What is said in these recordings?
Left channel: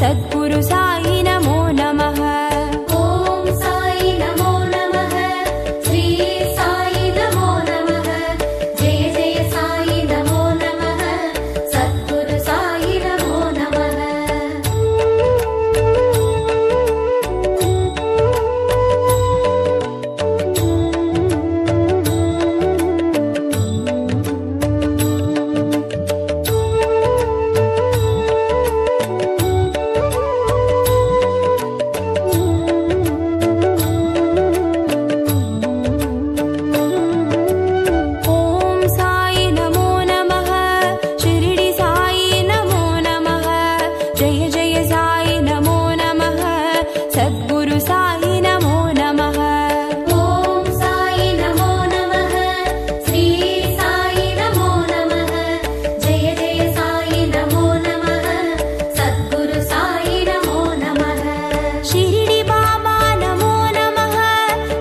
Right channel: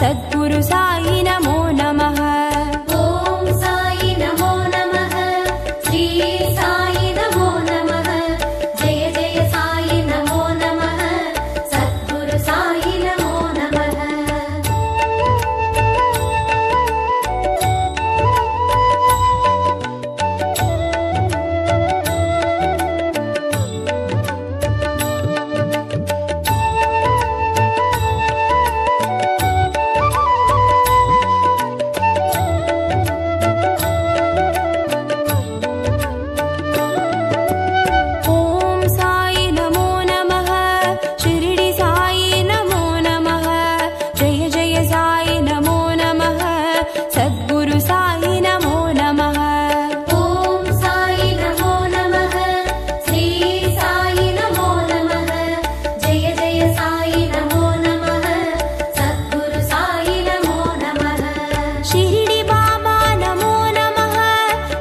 सद्गुरु साई नमो नमः। ओम साई नमो नमः, श्री साई नमो नमः, जय जय साई नमो नमः, सद्गुरु साई नमो नमः। ओम साई नमो नमः, शिरडी साई नमो नमः, जय जय साई नमो नमः, सद्गुरु साई नमो नमः। ओम साई नमो नमः, श्री साई नमो नमः, जय जय साई नमो नमः, सद्गुरु साई नमो नमः। शिरडी बाबा नमो नमः,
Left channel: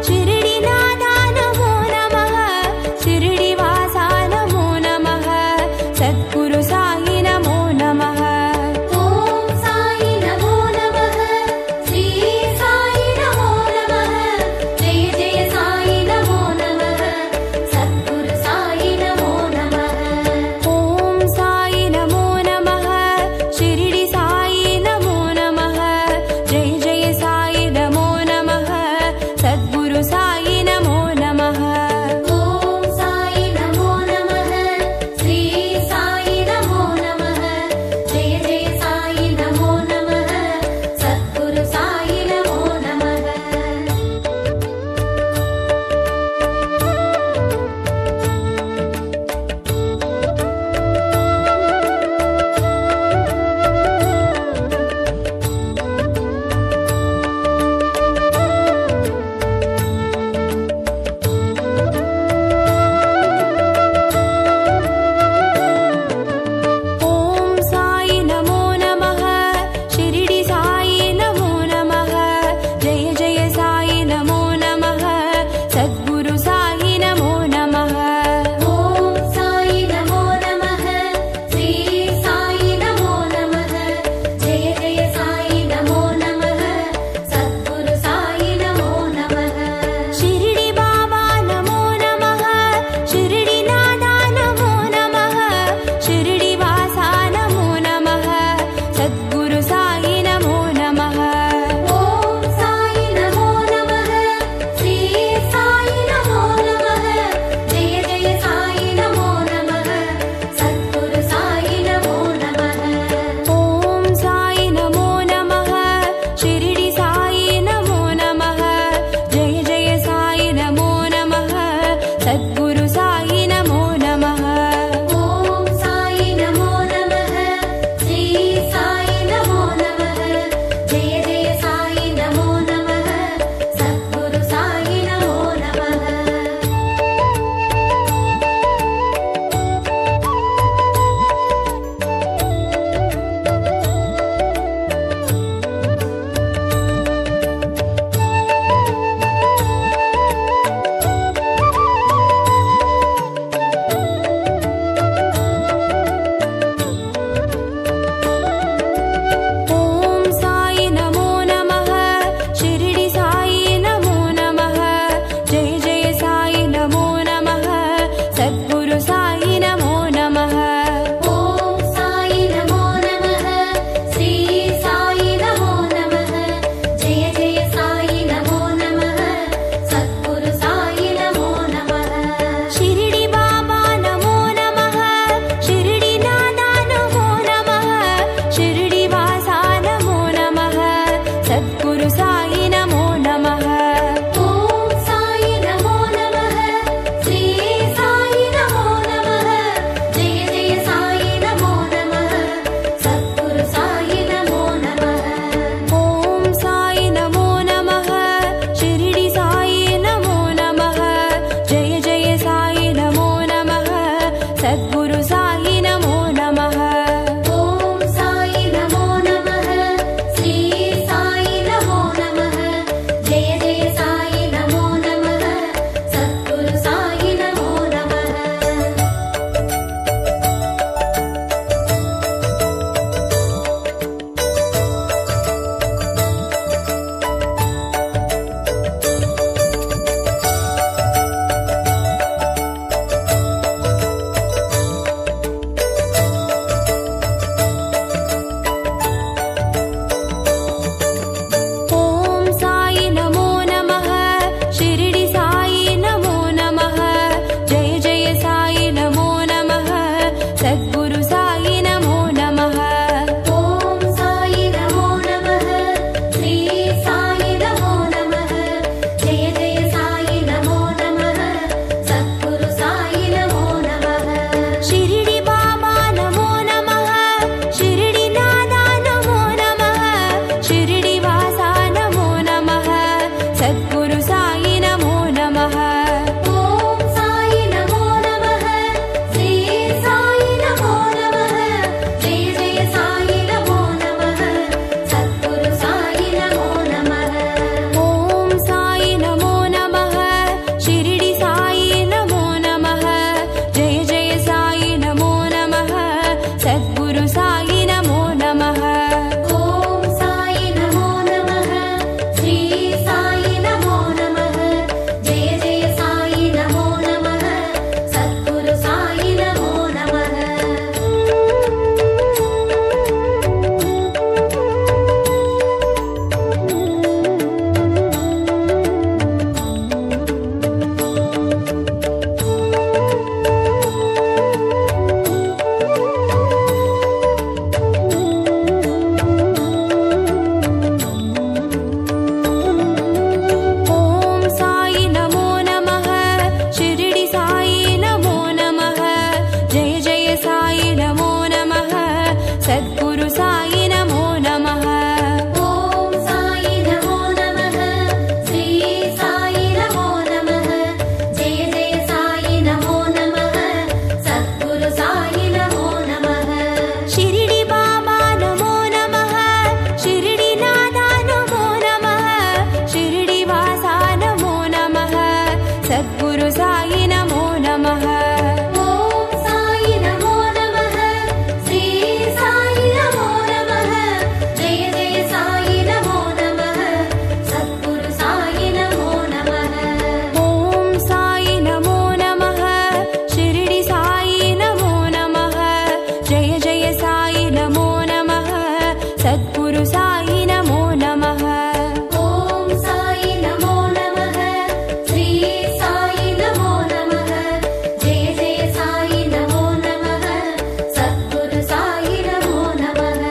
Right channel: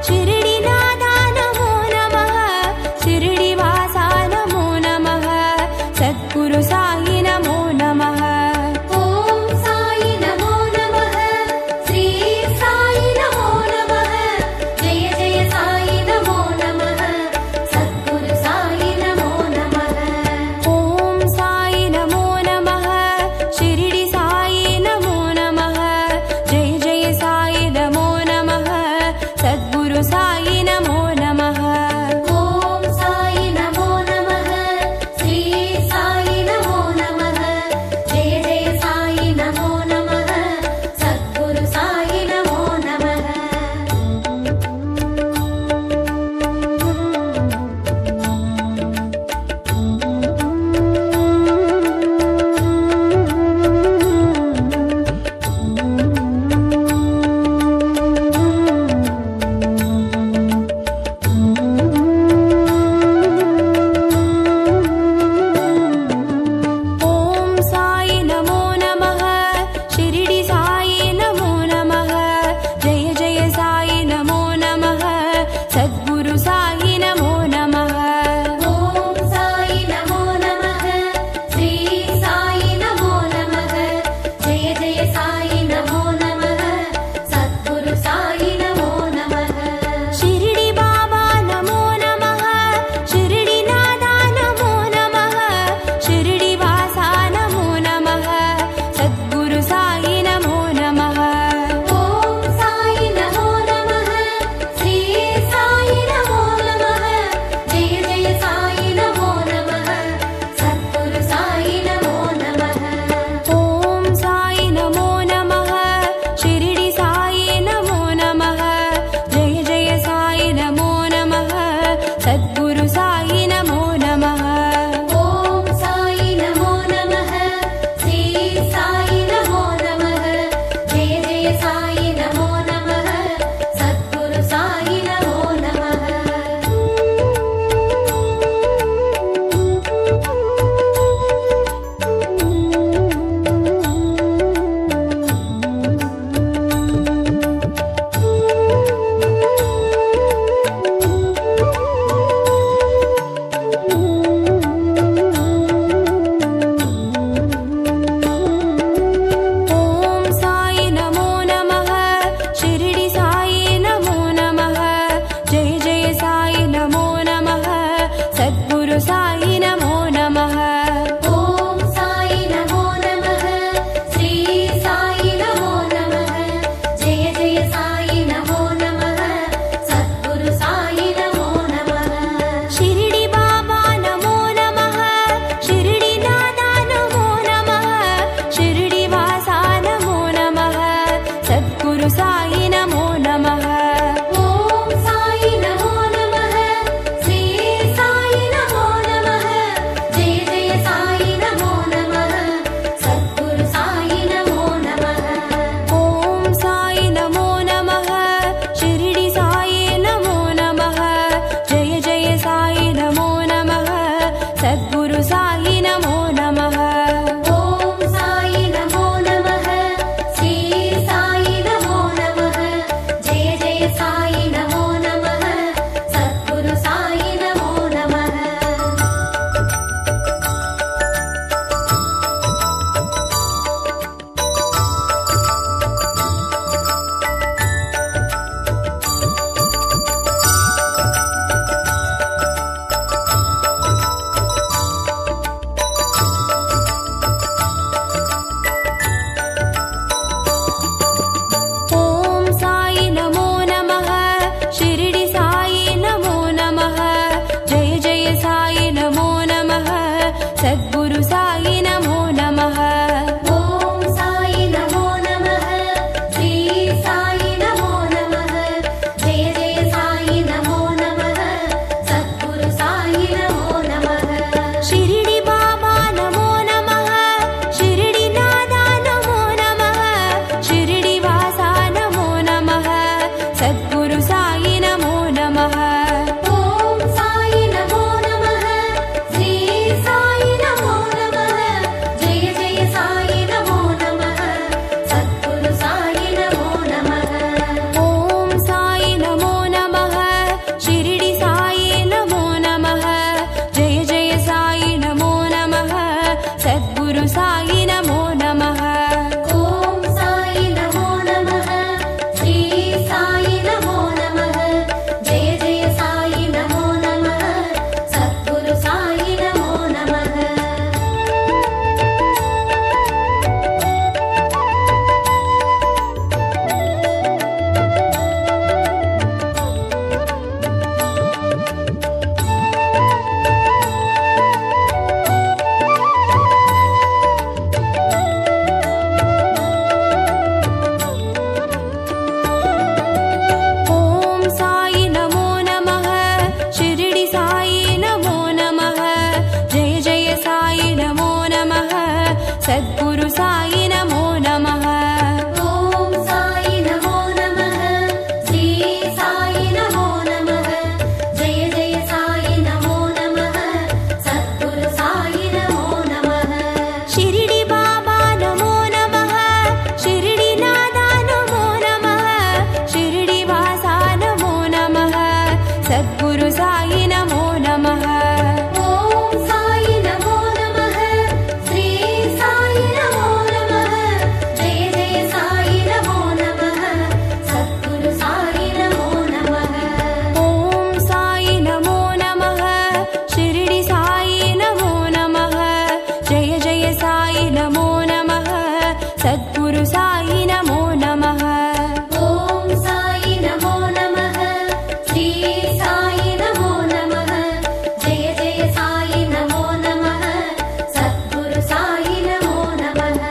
शिरडी नादा नमो नमः, शिरडी वासा नमो नमः, सद्गुरु साई नमो नमः। ओम साई नमो नमः, श्री सद्गुरु साई नमो नमः। ॐ साई नमो नमः, श्री साई नमो नमः, जय जय साई नमो नमः, सद्गुरु साई नमो नमः।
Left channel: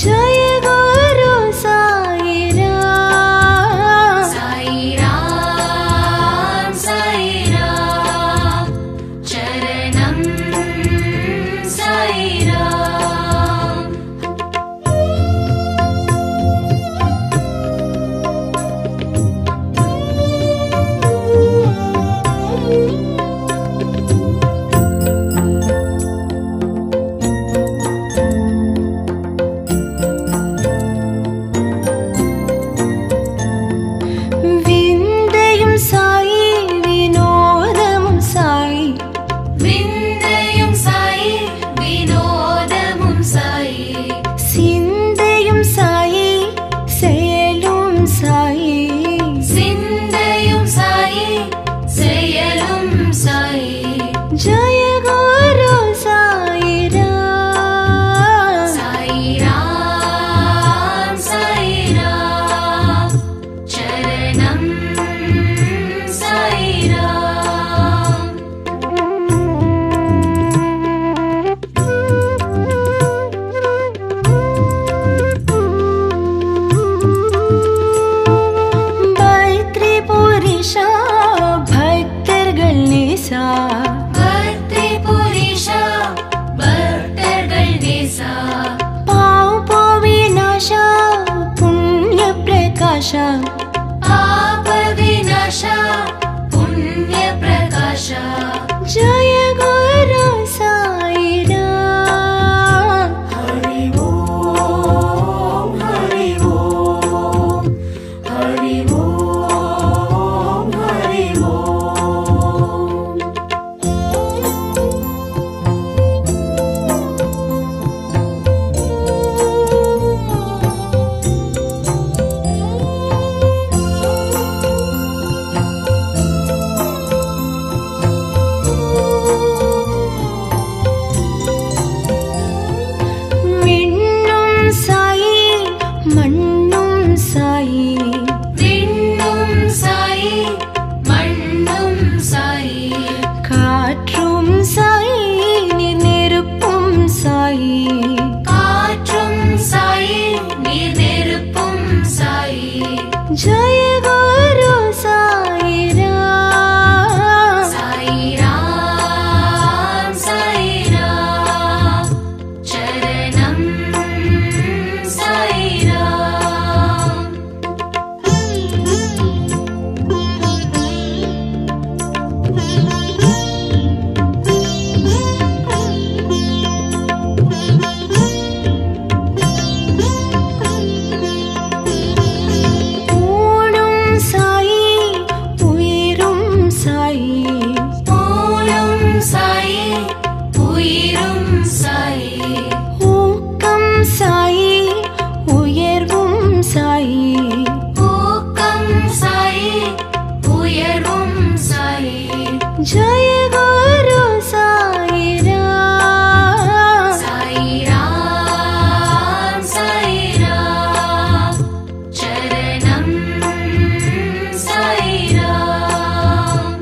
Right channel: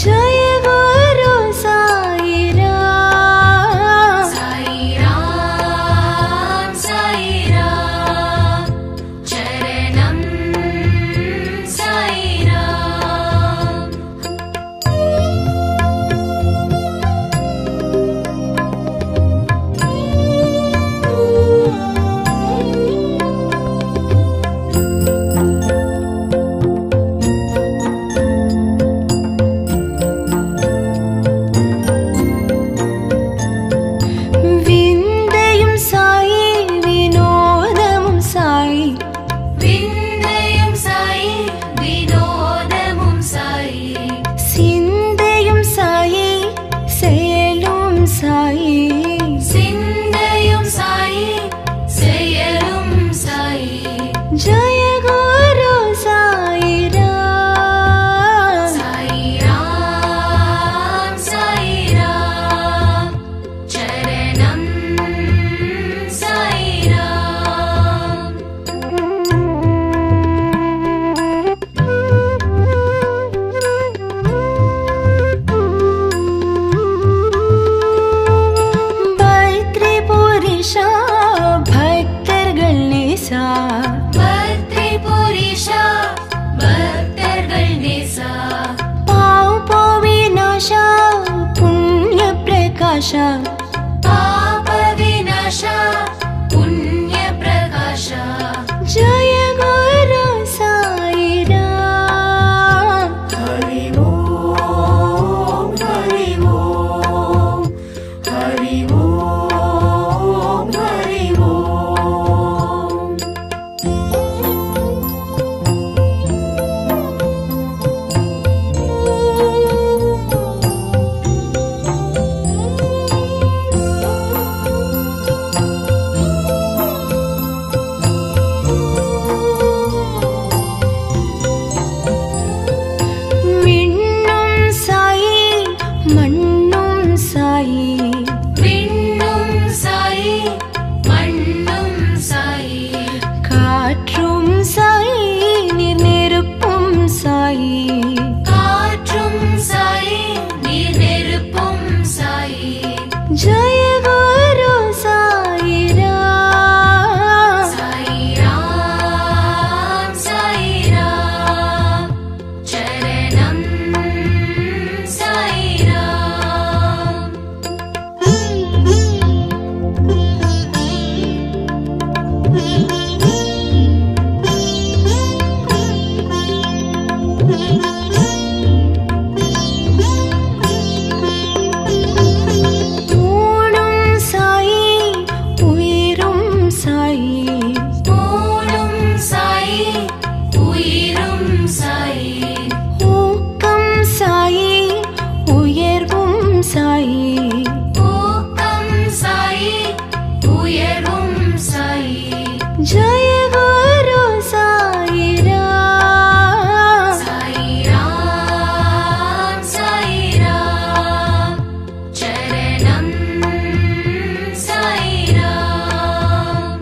जय गुरु साई राम। साई राम चरणम साई राम। विंदयम साई विनोदमुम साई। विंदयम साई विनोदमुम साई। सिंदयम साई செயலும் साई। सिंदयम साई செயலும் साई। जय गुरु साई राम। साई राम चरणम साई राम। பத்ரிபுரிஷா பக்தர்கள் நேசா। பத்ரிபுரிஷா பக்தர்கள் நேசா। பாவ விநாசா புண்ணிய பிரகாஷா। பாப விநாசா புண்ணிய பிரகாஷா। जय गुरु साई राम। हरि ओम हरि ओम हरि ओम हरि ओम। விண்ணும் சாயி மண்ணும் சாயி। விண்ணும் சாயி மண்ணும் சாயி। காற்றும் சாயி நீர் நெருப்பும் சாயி। காற்றும் சாயி நீர் நெருப்பும் சாயி। जय गुरु साई राम। साई राम चरणम साई राम। ஊனும் சாயி உயிரும் சாயி। ஊனும் சாயி உயிரும் சாயி। ஊக்கம் சாயி உயர்வும் சாயி। ஊக்கம் சாயி உயர்வும் சாயி। जय गुरु साई राम। साई राम चरणम साई राम।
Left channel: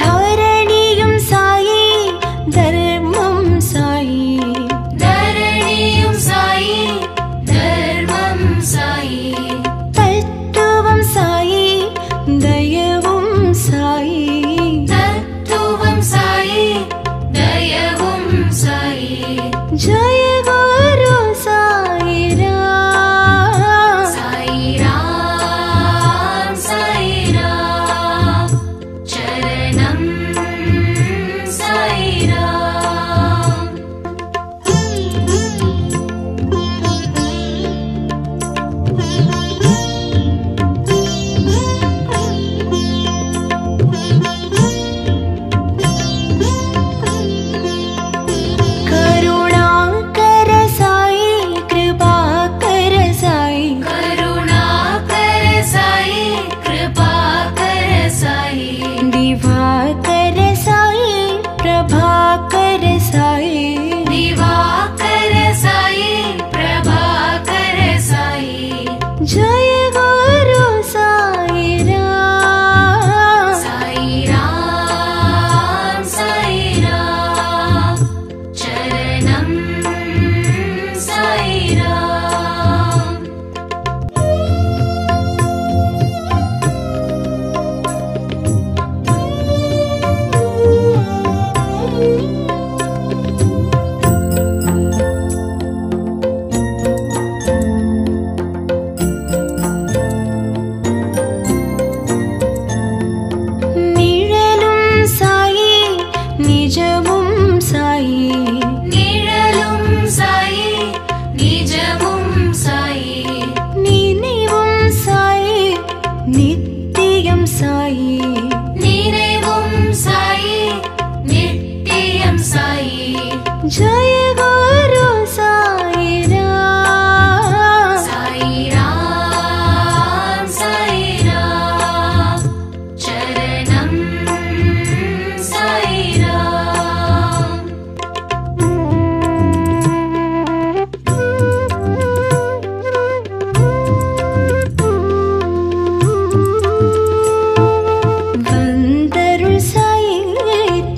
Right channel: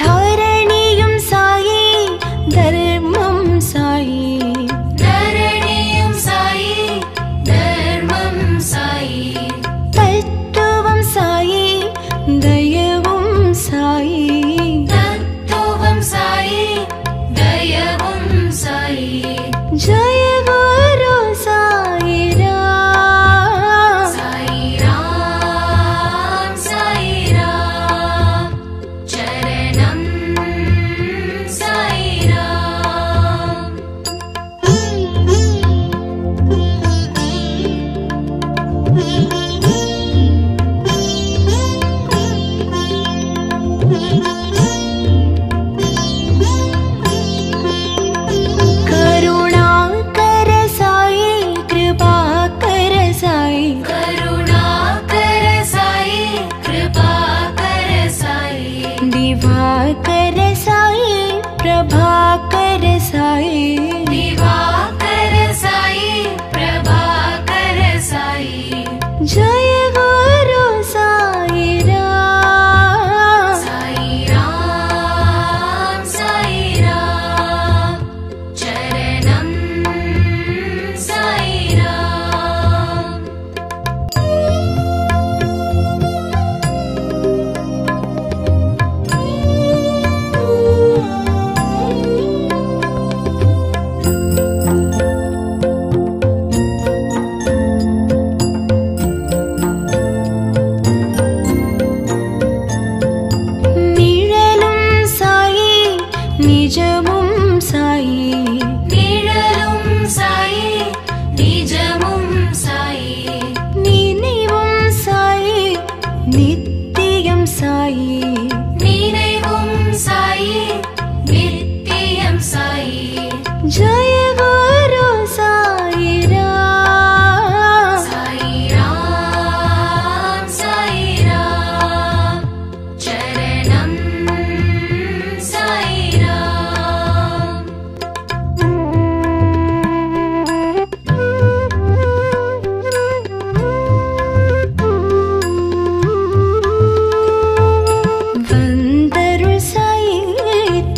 धरणिயும் சாயி தர்மம் சாயி। தரணியும் சாயி தர்மம் சாயி। தத்துவம் சாயி தயவும் சாயி। தத்துவம் சாயி தயவும் சாயி। जय गुरु साई राम। साई राम चरणम साई राम। करुणाकर साई कृपाकर साई। करुणाकर साई कृपाकर साई। दिवाकर साई प्रभाकर साई दिवाकर साई प्रभाकर साई जय गुरु साई राम साई राम चरणम साई राम நிழலும் சாயி நிஜமும் சாயி நிழலும் சாயி நிஜமும் சாயி நினைவும் சாயி நித்தியம் சாயி நினைவும் சாயி நித்தியம் சாயி जय गुरु साई राम साई राम चरणम साई राम வந்தருள் சாயி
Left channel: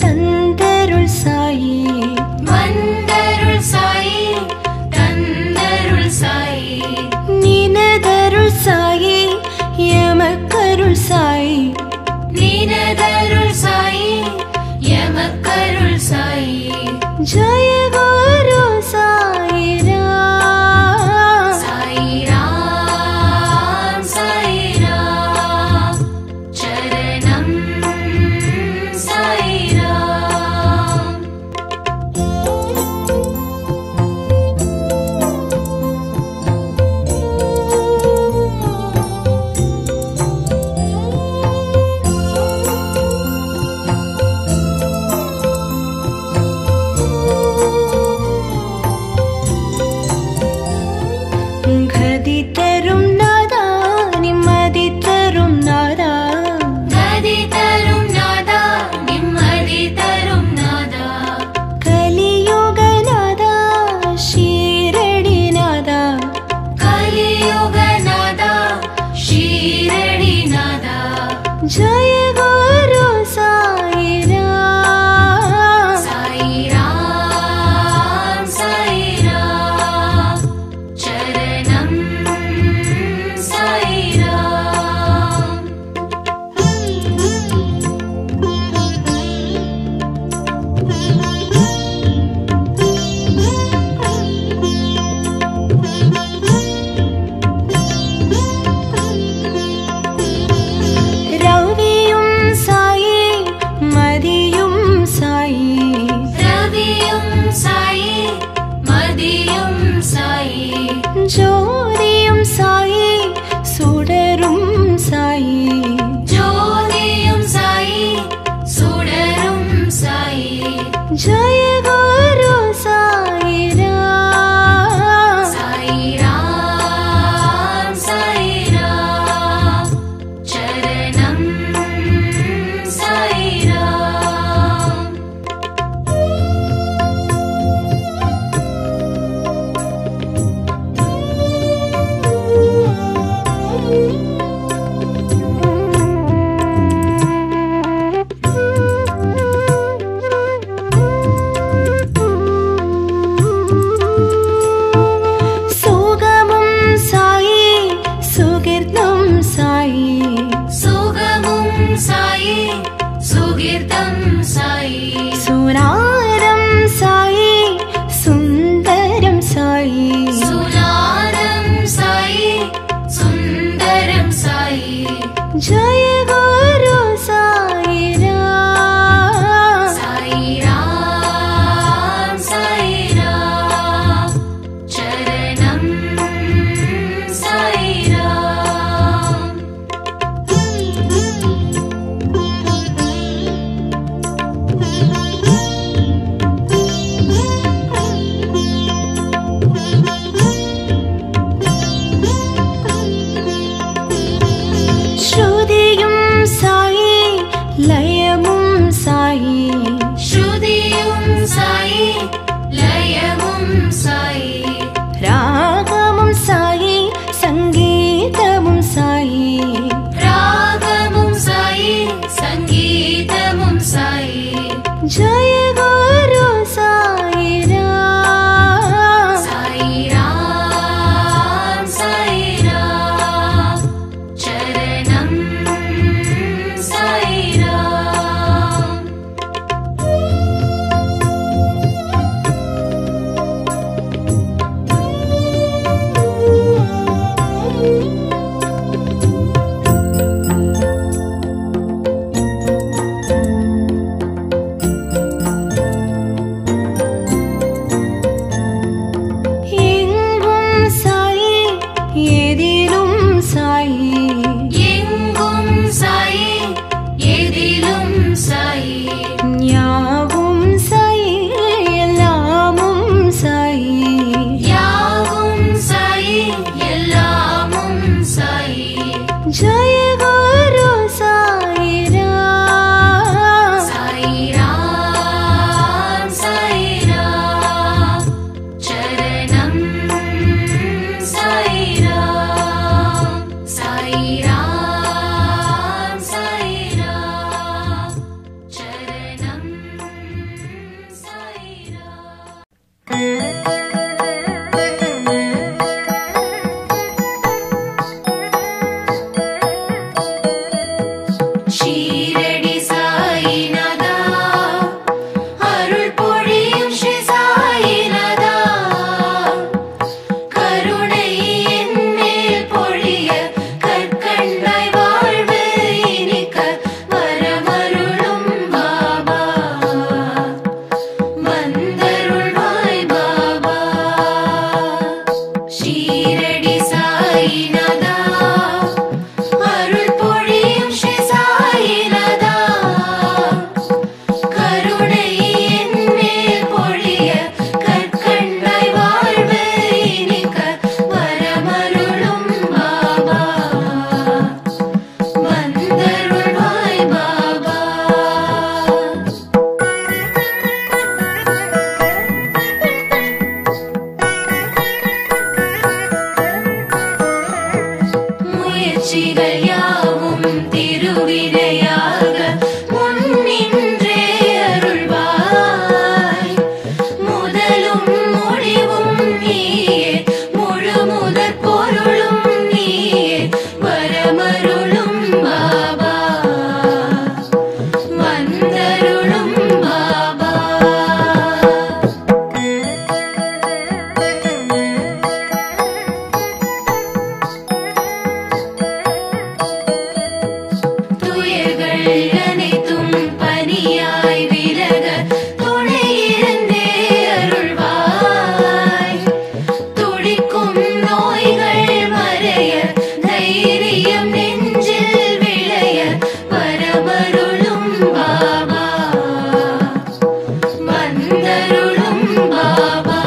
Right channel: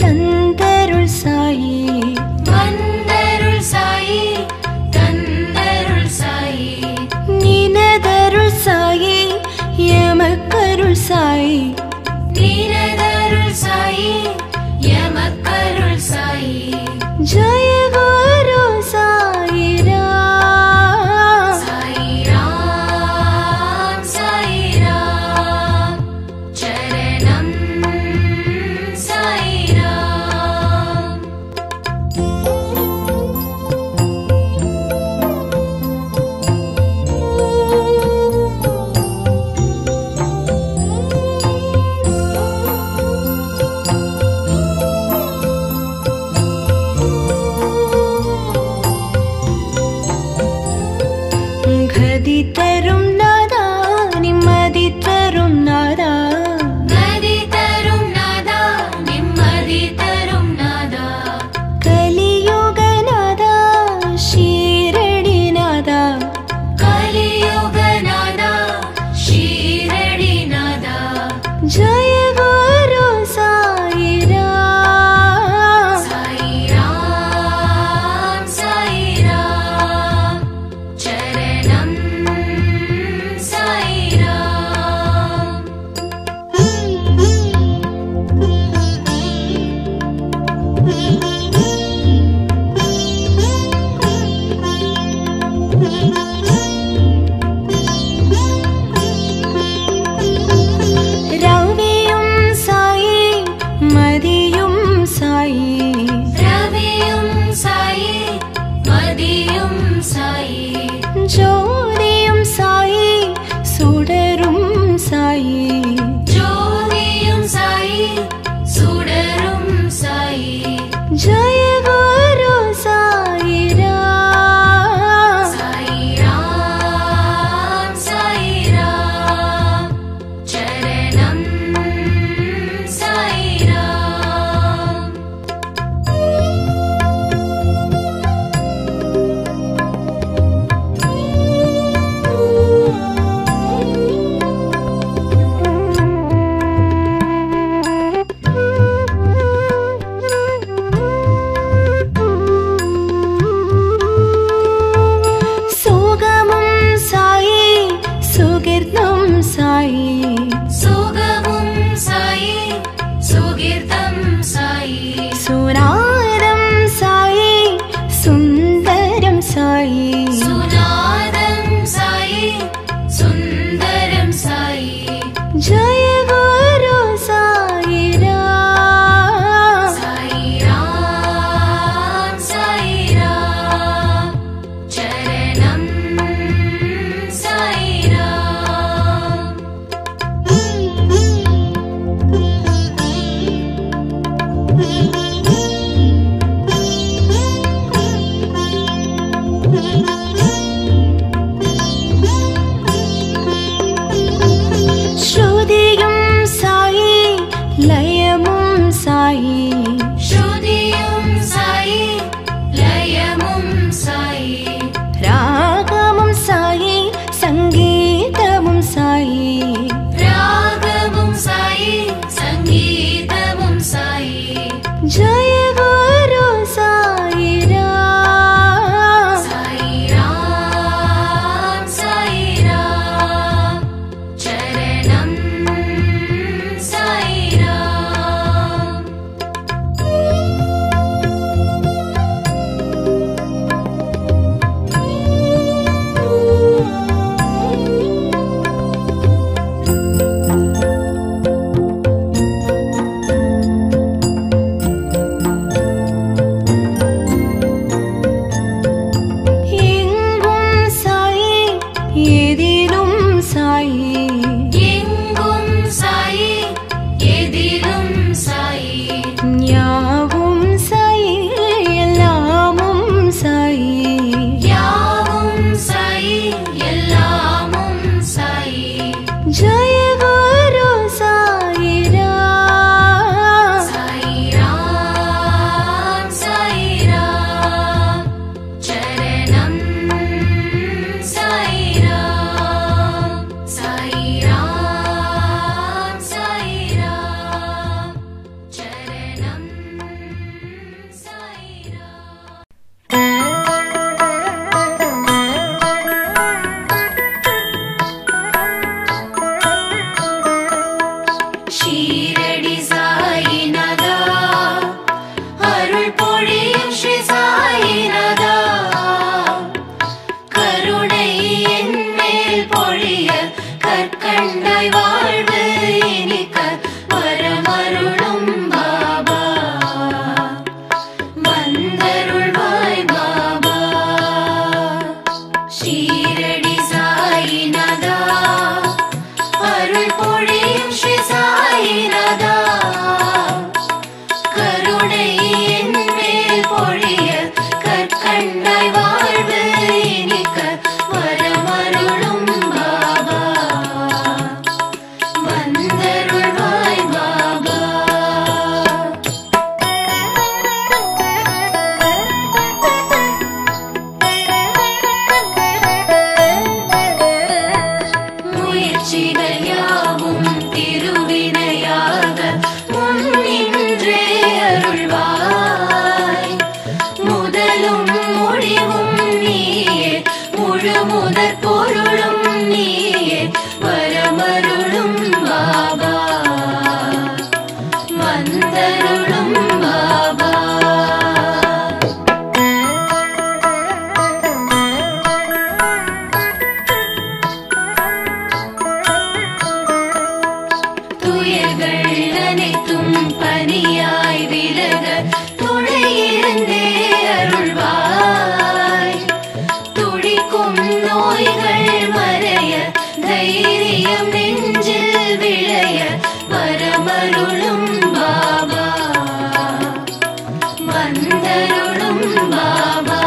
தந்தருள் சாயி வந்தருள் சாயி தந்தருள் சாயி நினதருள் சாயி எமக்கருள் சாயி நீனதருள் சாயி எமக்கருள் சாயி जय गुरु साई राम साई राम चरणम साई राम கதி தரும் நாதா நிம்மதி தரும் நாதா நதி தரும் நாதா நிம்மதி தரும் நாதா கலியுக நாதா ஷீரடி நாதா கலியுக நாதா ஷீரடி நாதா जय गुरु साई राम साई राम चरणम साई राम ரவியும் சாயி மதியும் சாயி ரவியும் சாயி மதியும் சாயி ஜோதியும் சாயி சுடரும் சாயி ஜோதியும் சாயி சுடரும் சாயி जय गुरु साई राम साई राम चरणम साई राम சுகமும் சாயி சுகிர்தம் சாயி சுகமும் சாயி சுகீர்த்தம் சாயி சுனாதம் சாயி சுந்தரம் சாயி சுநாதம் சாயி சுந்தரம் சாயி जय गुरु साई राम साई राम चरणम साई राम ஸ்ருதியும் சாயி லயமும் சாயி ஸ்ருதி जय गुरु साई राम। साई राम चरणम साई राम। எங்கும் சாயி எதிலும் சாயி, எங்கும் சாயி எதிலும் சாயி, யாவும் சாயி எல்லாமும் சாயி, யாவும் சாயி எல்லாமும் சாயி। जय गुरु साई राम। साई राम चरणम साई राम। साई राम चरणम साई राम। ஷீரடி சாயிநாதா அருள் பொழியும் ஸ்ரீ சாயிநாதா, கருணை என் மேல் பொழிய கற்கண்டாய் வாழ்வு இனிக்க வரமருளும் பாபா, வந்தருள்வாய் பாபா। ஷீரடி சாயிநாதா அருள் பொழியும் ஸ்ரீ சாயிநாதா, கருணை என் மேல் பொழிய கற்கண்டாய் வாழ்வு இனிக்க வரமருளும் பாபா, வந்தருள்வாய் பாபா। முயற்சிகள் யாவும் திருவினையாக முன்னின்றே அருள்வாய், முதலும் முடிவும் நீயே முழு முதற் பொருளும் நீயே வரமருளும் பாபா, வந்தருளும் பாபா। துயர்கள் அனைத்தும் பனியாய் விலக துணையிருந்தே அருள்வாய், துடிக்கும் நோய்கள் மறைய தைரியம் நெஞ்சில் விளைய வரமருளும் பாபா, வந்தருளும் பாபா।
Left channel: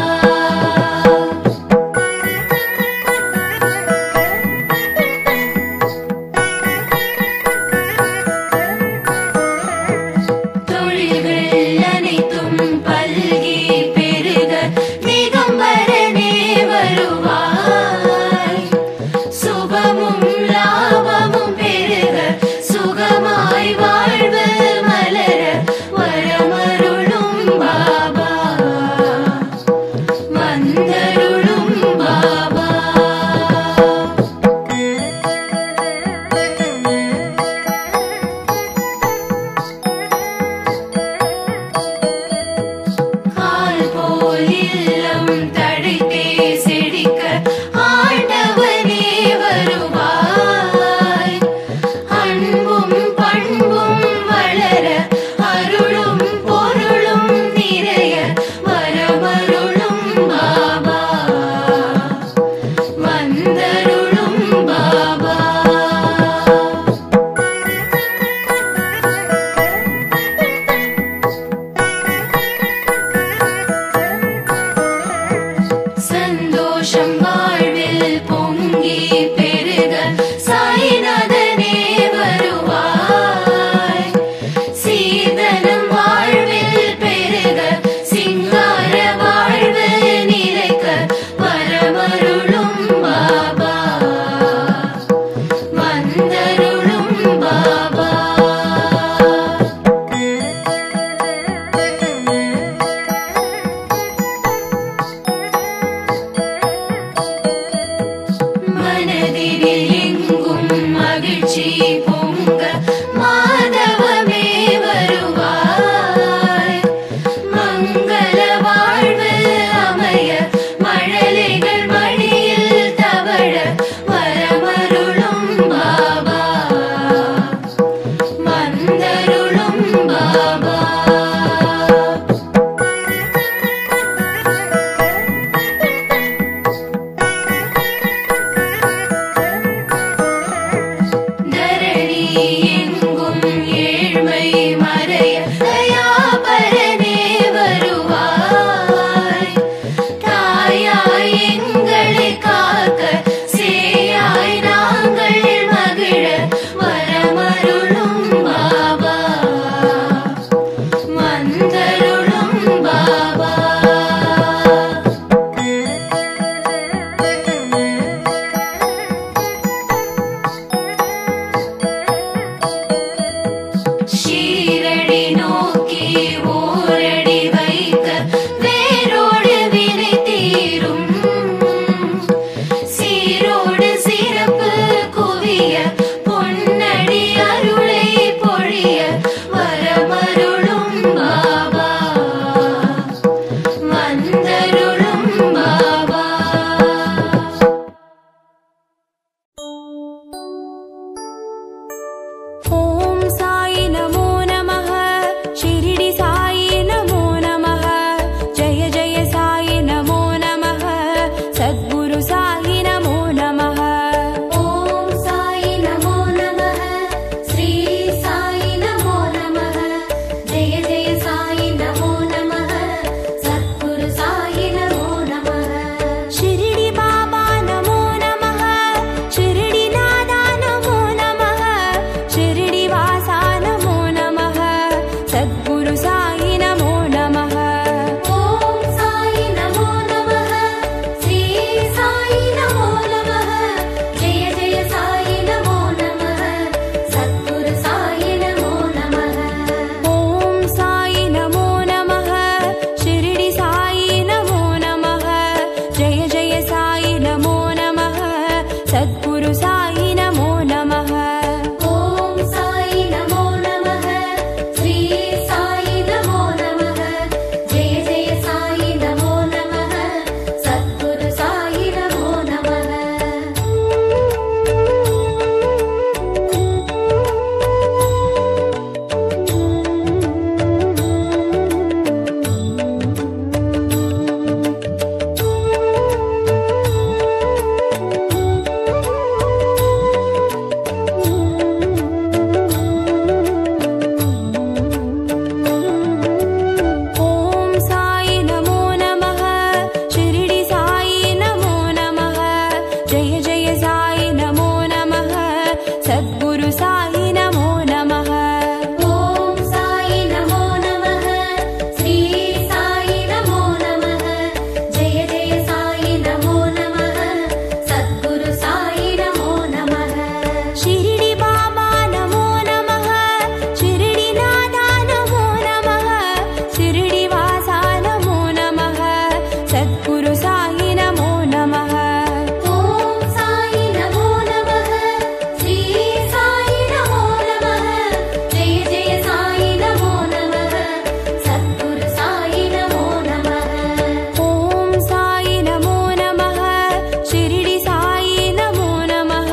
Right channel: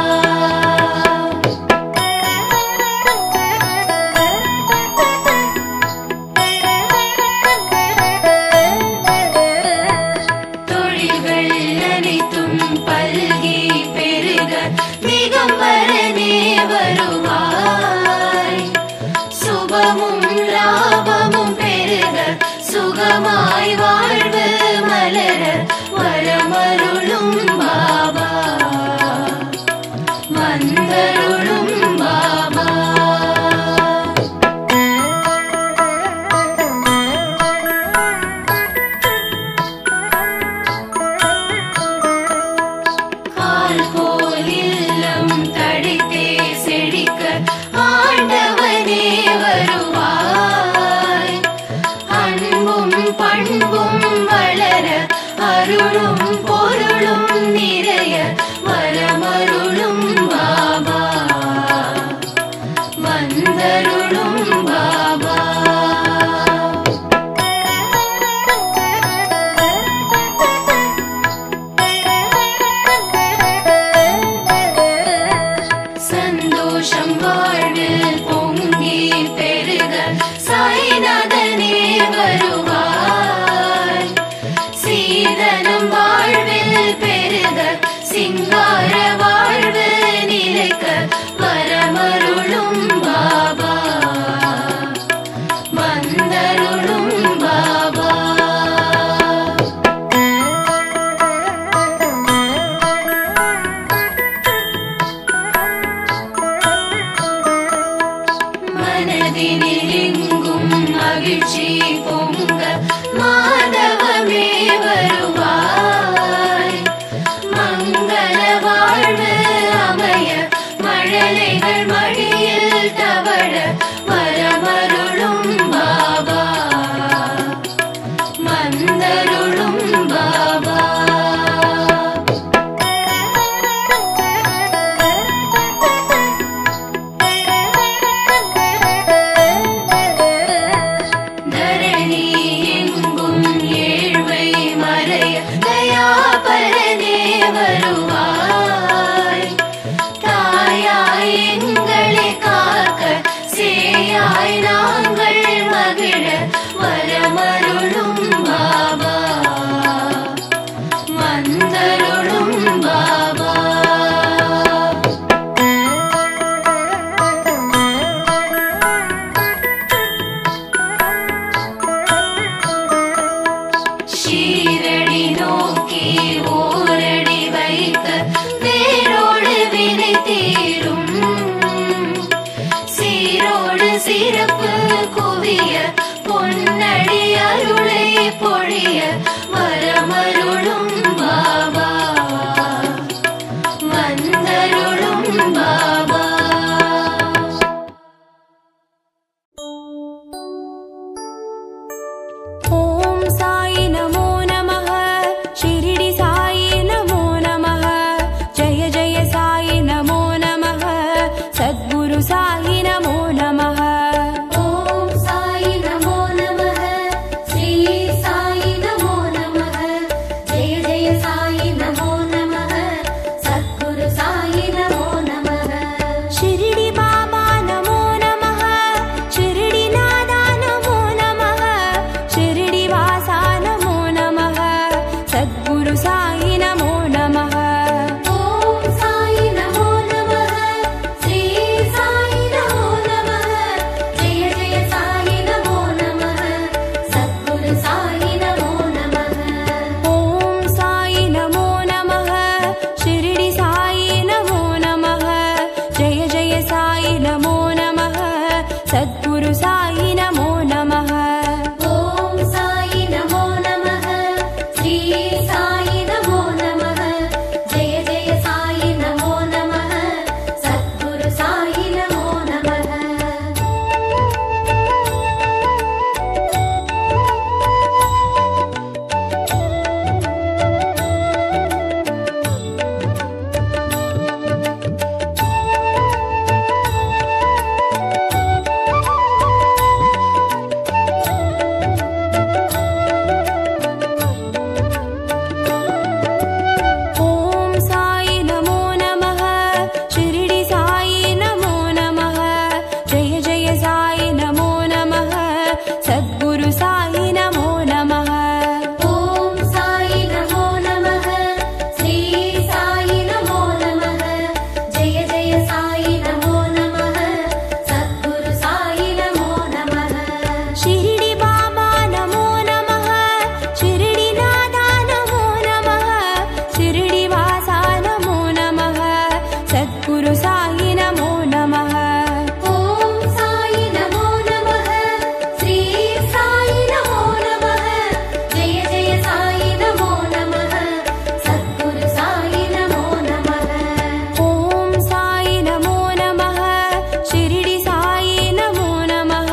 ஈரடி நோக்கி ஓரடி வைக்க வேரோடு வினை தீரும். சீரோடு சிறப்பு குவிய பொன்னடி அருளை பொழிய வரமருளும் பாபா வந்தருளும் பாபா. ஓம் சாயி நமோ நமः ஷிரடி சாயி நமோ நமः ஜெய ஜெய சாயி நமோ நமः சத்குரு சாயி நமோ நமः. ஓம் சாயி நமோ நமः ஸ்ரீ சாயி நமோ நமः ஜெய ஜெய சாயி நமோ நமः சத்குரு சாயி நமோ நமः. ஷிரடி பாபா நமோ நமः ஷிரடி நாதா நமோ நமः ஷிரடி வாசா நமோ நமः சத்குரு சாயி நமோ நமः. ஓம் சாயி நமோ நமः ஸ்ரீ சாயி நமோ நமः ஜெய ஜெய சாயி நமோ நமः சத்குரு சாயி நமோ நமः. ஓம் சாயி நமோ நமः ஷிரடி சாயி நமோ நமः ஜெய ஜெய சாயி நமோ நமः சத்குரு சாயி நமோ நமः. ஓம் சாயி நமோ நமः ஸ்ரீ சாயி நமோ நமः ஜெய ஜெய சாயி நமோ நமः சத்குரு சாயி நமோ நமः. ஓம் சாயி நமோ நமः ஷிரடி சாயி நமோ நமः ஜெய ஜெய சாயி நமோ நமः சத்குரு சாயி நமோ நமः. ஓம் சாயி நமோ நமः ஸ்ரீ சாயி நமோ நமः ஜெய ஜெய சாயி நமோ நமः சத்குரு சாயி நமோ நமः. ஷிரடி பாபா நமோ நமः ஷிரடி நாதா நமோ நமः ஷிரடி வாசா நமோ நமः சத்குரு சாயி நமோ நமः. ஓம் சாயி நமோ நமः ஸ்ரீ சாயி நமோ நமः ஜெய ஜெய சாயி நமோ நமः சத்குரு சாயி நமோ நமः. ஓம் சாயி நமோ நமः ஷிரடி சாயி நமோ நமः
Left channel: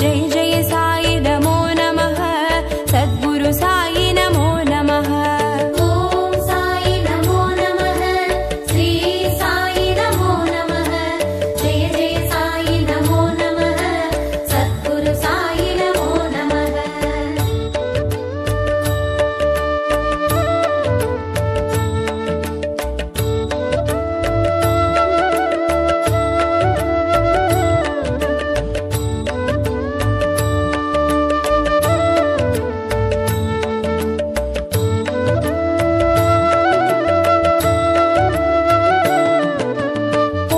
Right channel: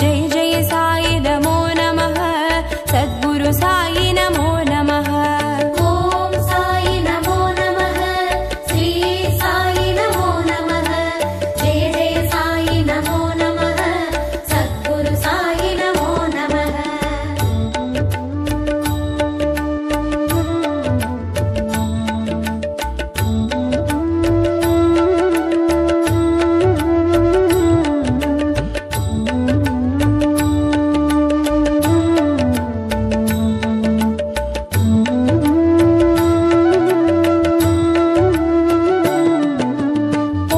ஜெய ஜெய சாயி நமோ நமः சத்குரு சாயி நமோ நமः. ஓம் சாயி நமோ நமः ஸ்ரீ சாயி நமோ நமः ஜெய ஜெய சாயி நமோ நமः சத்குரு சாயி நமோ நமः.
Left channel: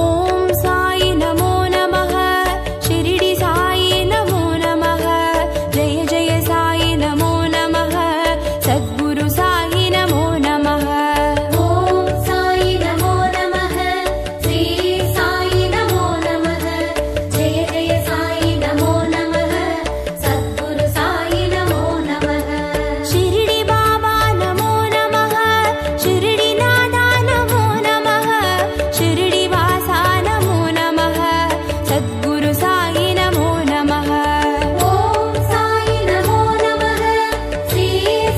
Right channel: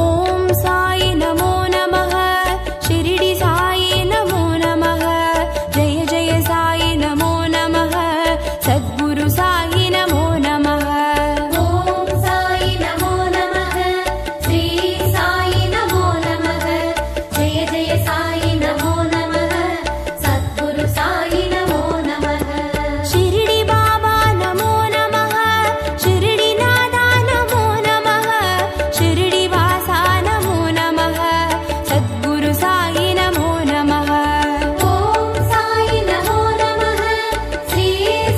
ஓம் சாயி நமோ நமः ஷிரடி சாயி நமோ நமः ஜெய ஜெய சாயி நமோ நமः சத்குரு சாயி நமோ நமः. ஓம் சாயி நமோ நமः ஸ்ரீ சாயி நமோ நமः ஜெய ஜெய சாயி நமோ நமः சத்குரு சாயி நமோ நமः. ஷிரடி பாபா நமோ நமः ஷிரடி நாதா நமோ நமः ஷிரடி வாசா நமோ நமः சத்குரு சாயி நமோ நமः. ஓம் சாயி நமோ நமः ஸ்ரீ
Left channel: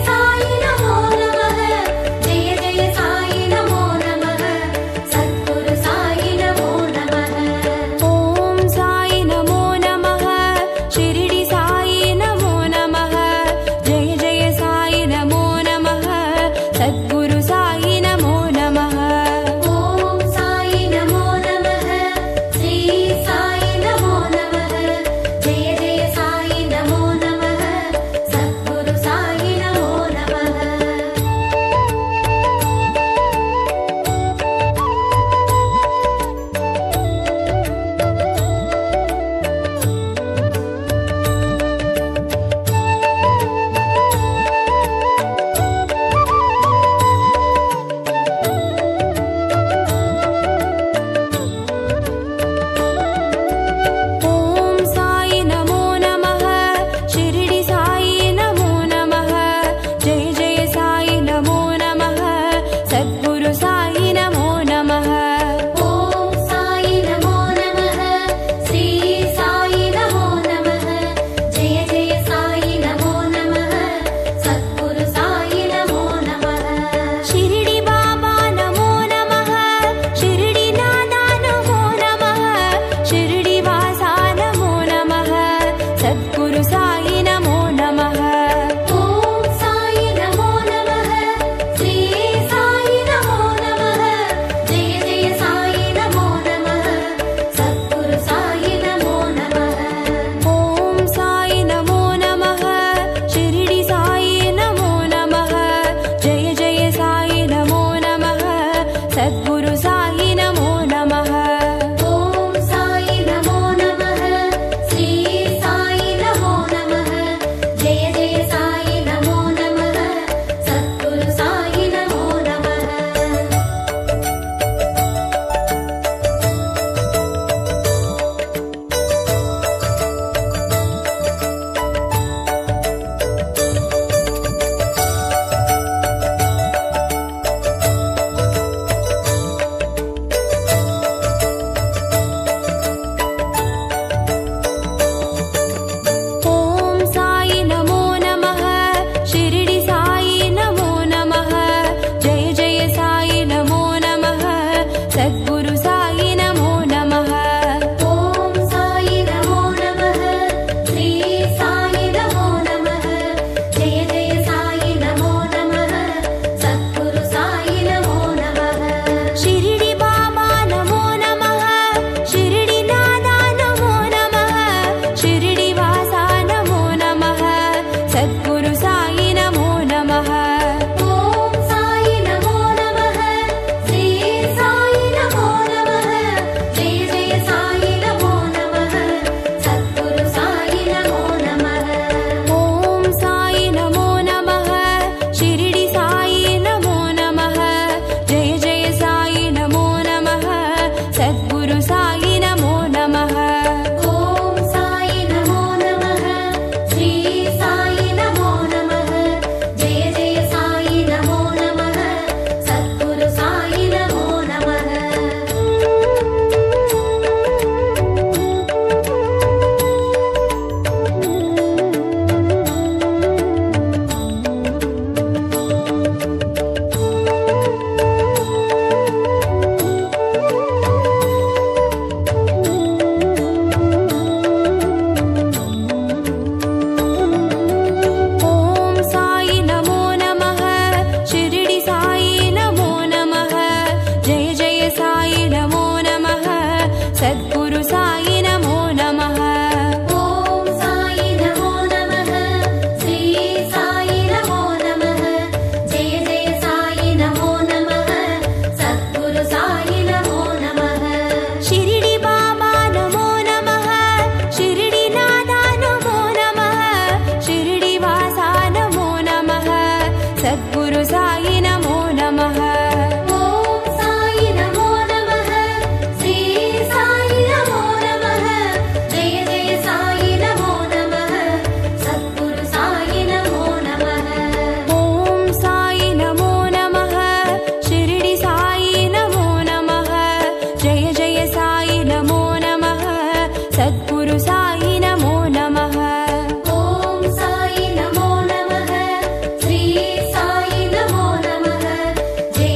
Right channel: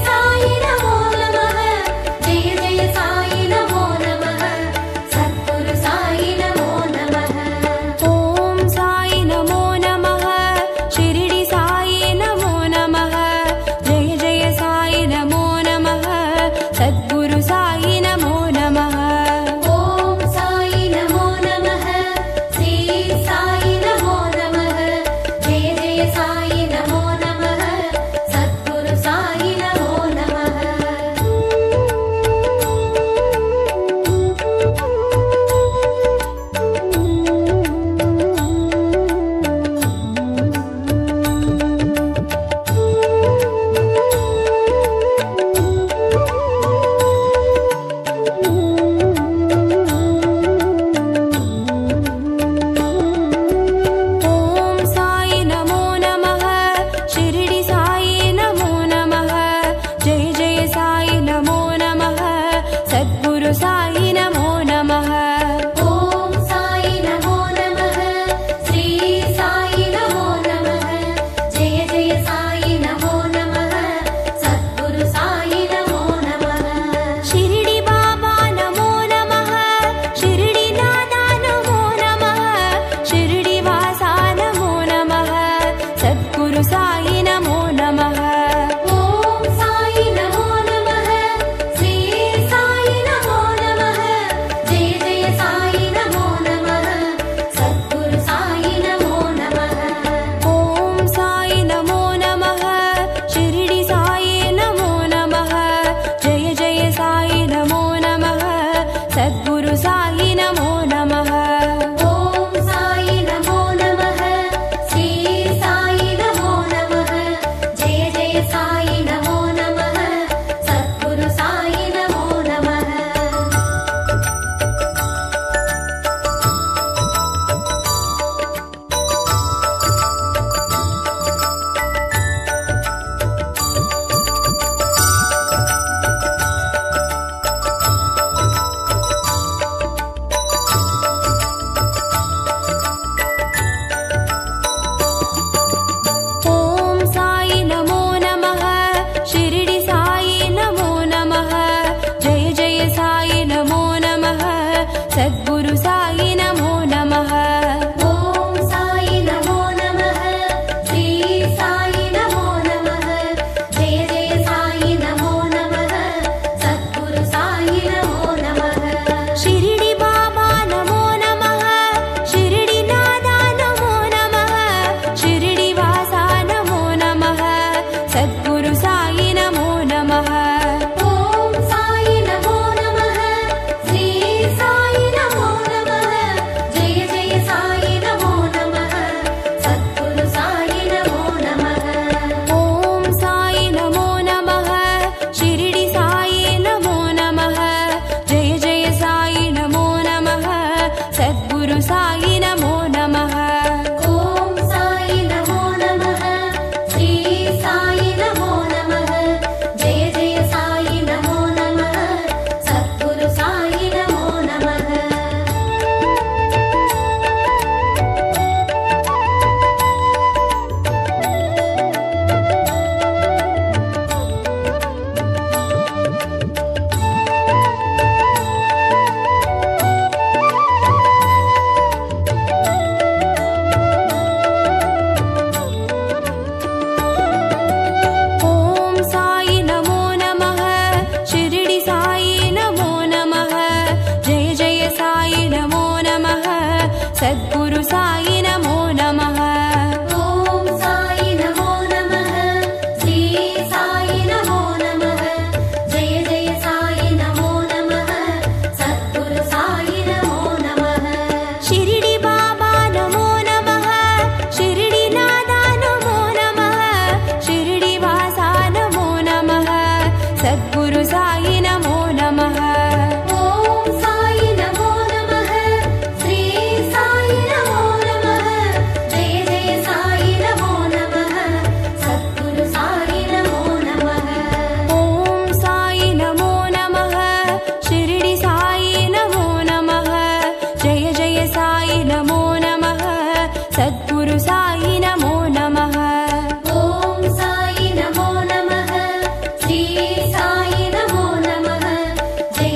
சாயி நமோ நமः ஜெய ஜெய சாயி நமோ நமः சத்குரு சாயி நமோ நமः. ஓம் சாயி நமோ நமः ஷிரடி சாயி நமோ நமः ஜெய ஜெய சாயி நமோ நமः சத்குரு சாயி நமோ நமः. ஓம் சாயி நமோ நமः ஸ்ரீ சாயி நமோ நமः ஜெய ஜெய சாயி நமோ நமः சத்குரு சாயி நமோ நமः. सद्गुरु साई नमो नमः। ॐ साई नमो नमः, श्री साई नमो नमः, जय जय साई नमो नमः, सद्गुरु साई नमो नमः। शिरडी बाबा नमो नमः, शिरडी नादा नमो नमः, शिरडी वासा नमो नमः, सद्गुरु साई नमो नमः। ॐ साई नमो नमः, श्री साई नमो नमः, जय जय साई नमो नमः, सद्गुरु साई नमो नमः। ॐ साई नमो नमः, शिरडी साई नमो नमः, जय जय साई नमो नमः, सद्गुरु साई नमो नमः। ॐ साई नमो नमः, श्री साई नमो नमः, जय जय साई नमो नमः, सद्गुरु साई नमो नमः। ॐ साई नमो नमः, शिरडी साई नमो नमः, जय जय साई नमो नमः, सद्गुरु साई नमो नमः। ॐ साई नमो नमः, श्री साई नमो नमः, जय जय साई नमो नमः, सद्गुरु साई नमो नमः। शिरडी बाबा नमो नमः, शिरडी नादा नमो नमः, शिरडी वासा नमो नमः, सद्गुरु साई नमो नमः। ॐ साई नमो नमः, श्री साई नमो नमः, जय जय साई नमो नमः, सद्गुरु साई नमो नमः। ॐ साई नमो नमः, शिरडी साई नमो नमः, जय जय साई नमो नमः, सद्गुरु साई नमो नमः। ॐ साई नमो नमः, श्री साई नमो नमः, जय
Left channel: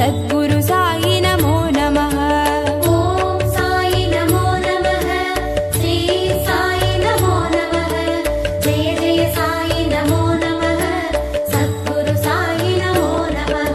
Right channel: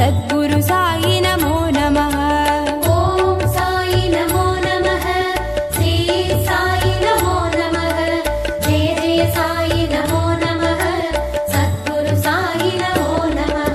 सद्गुरु साई नमो नमः। ॐ साई नमो नमः, श्री साई नमो नमः, जय जय साई नमो नमः, सद्गुरु साई नमो नमः।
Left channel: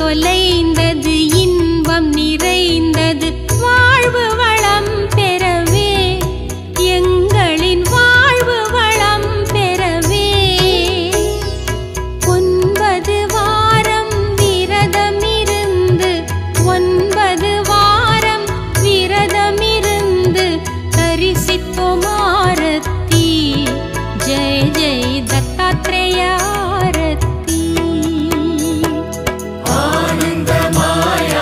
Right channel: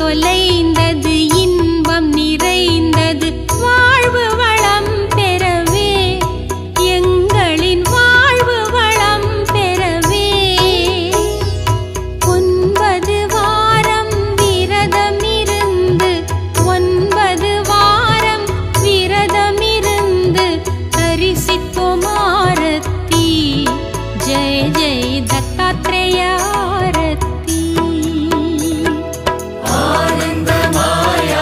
தொலைந்தது இன்பம் நிறைந்தது வாழ்வு வளம் பெறவே எங்களின் வாழ்வு வளம் பெறவே 9 வாரம் விரதமிருந்து 9 வாரம் விரதமிருந்து தரிசித்தோம் ஆரத்தி ஜெய ஜெய தத்தாத்ரேய ஆரத்தி ஆனந்தமாய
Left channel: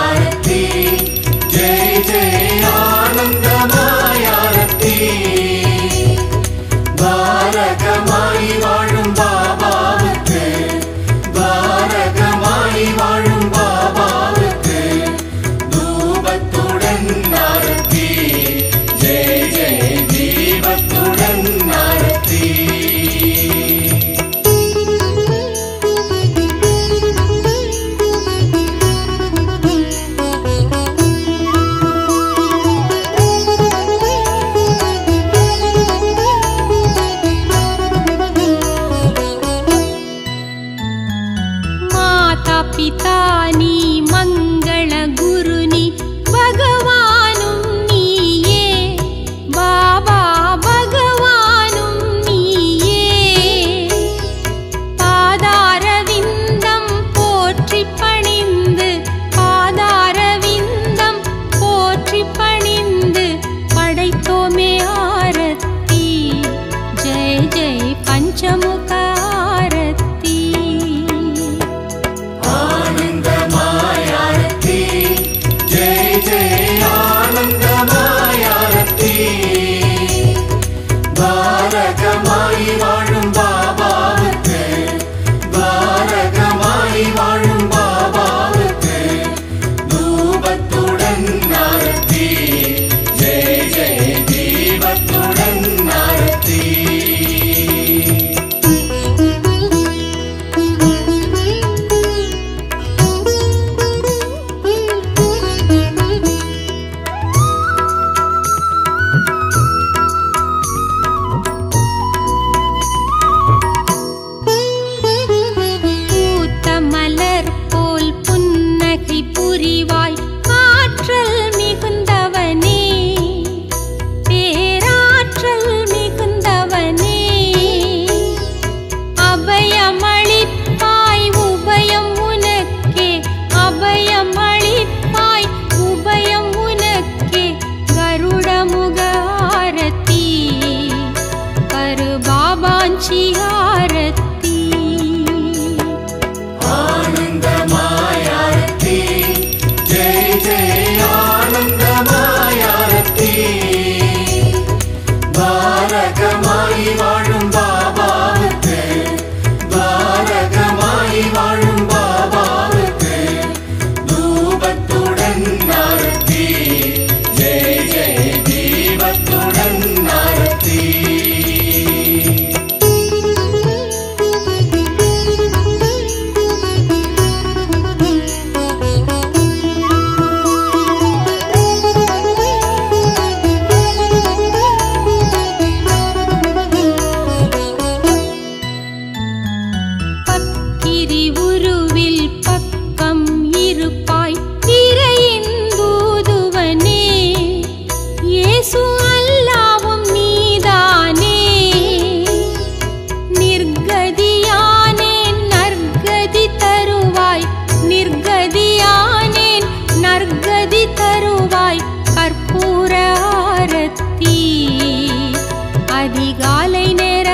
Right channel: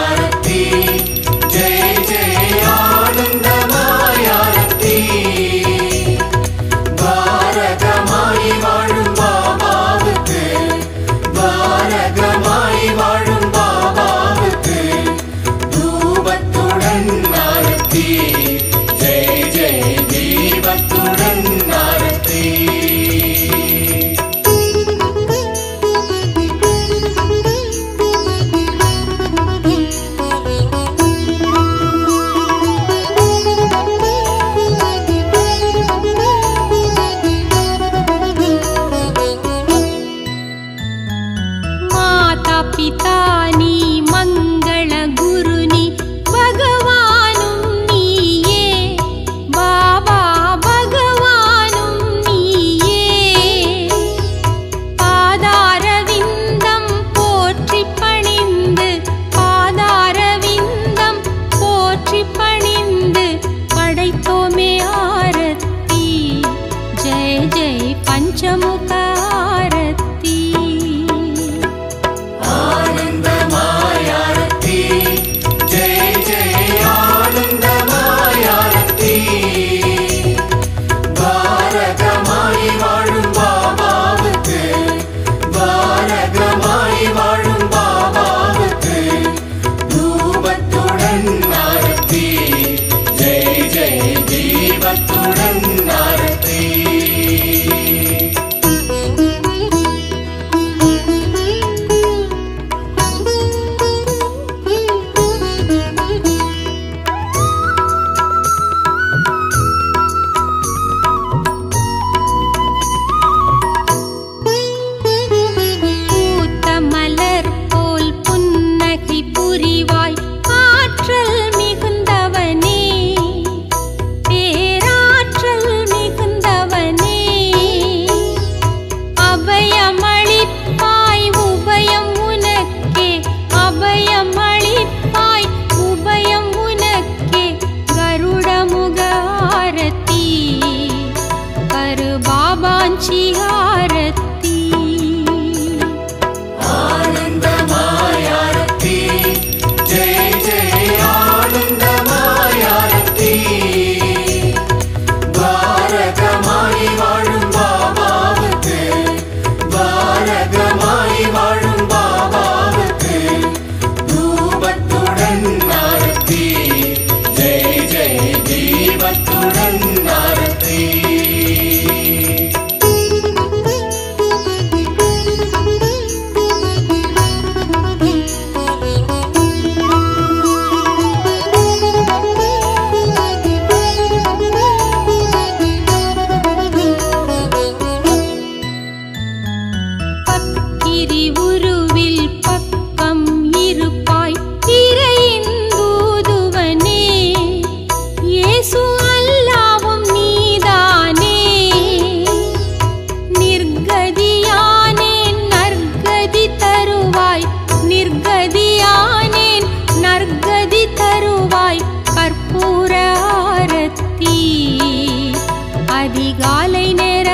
அதிகாலை நேர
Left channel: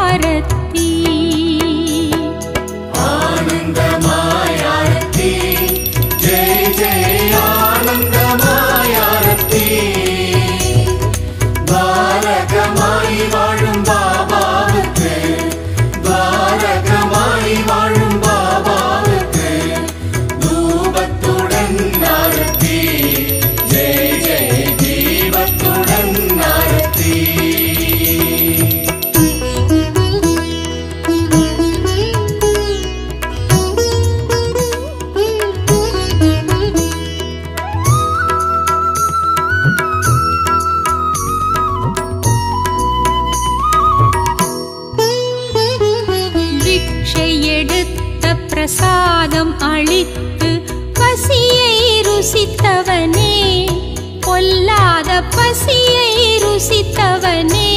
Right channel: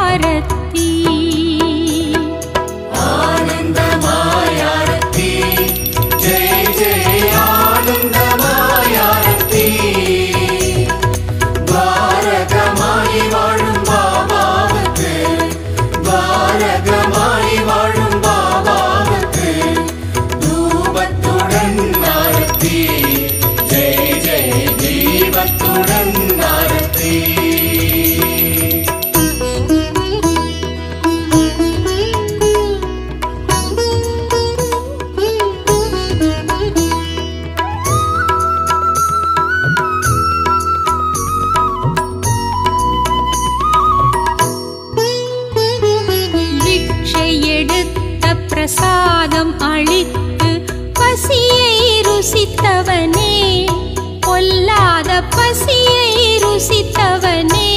ஆரத்தி ஆனந்தமாய் ஆரத்தி ஜெய ஜெய ஆனந்தமாய் ஆரத்தி பாரகமாய் வாழும் பாபாவுக்கு பாரகமாய் வாழும் பாபாவுக்கு தூபத்துடன் ஆரத்தி ஜெய ஜெய தீபத்துடன் ஆரத்தி பிக்ஷை எடுத்த பிரசாதம் அளித்து பசியை ருசித்தவனே பொல்லாத பசியை ருசித்தவனே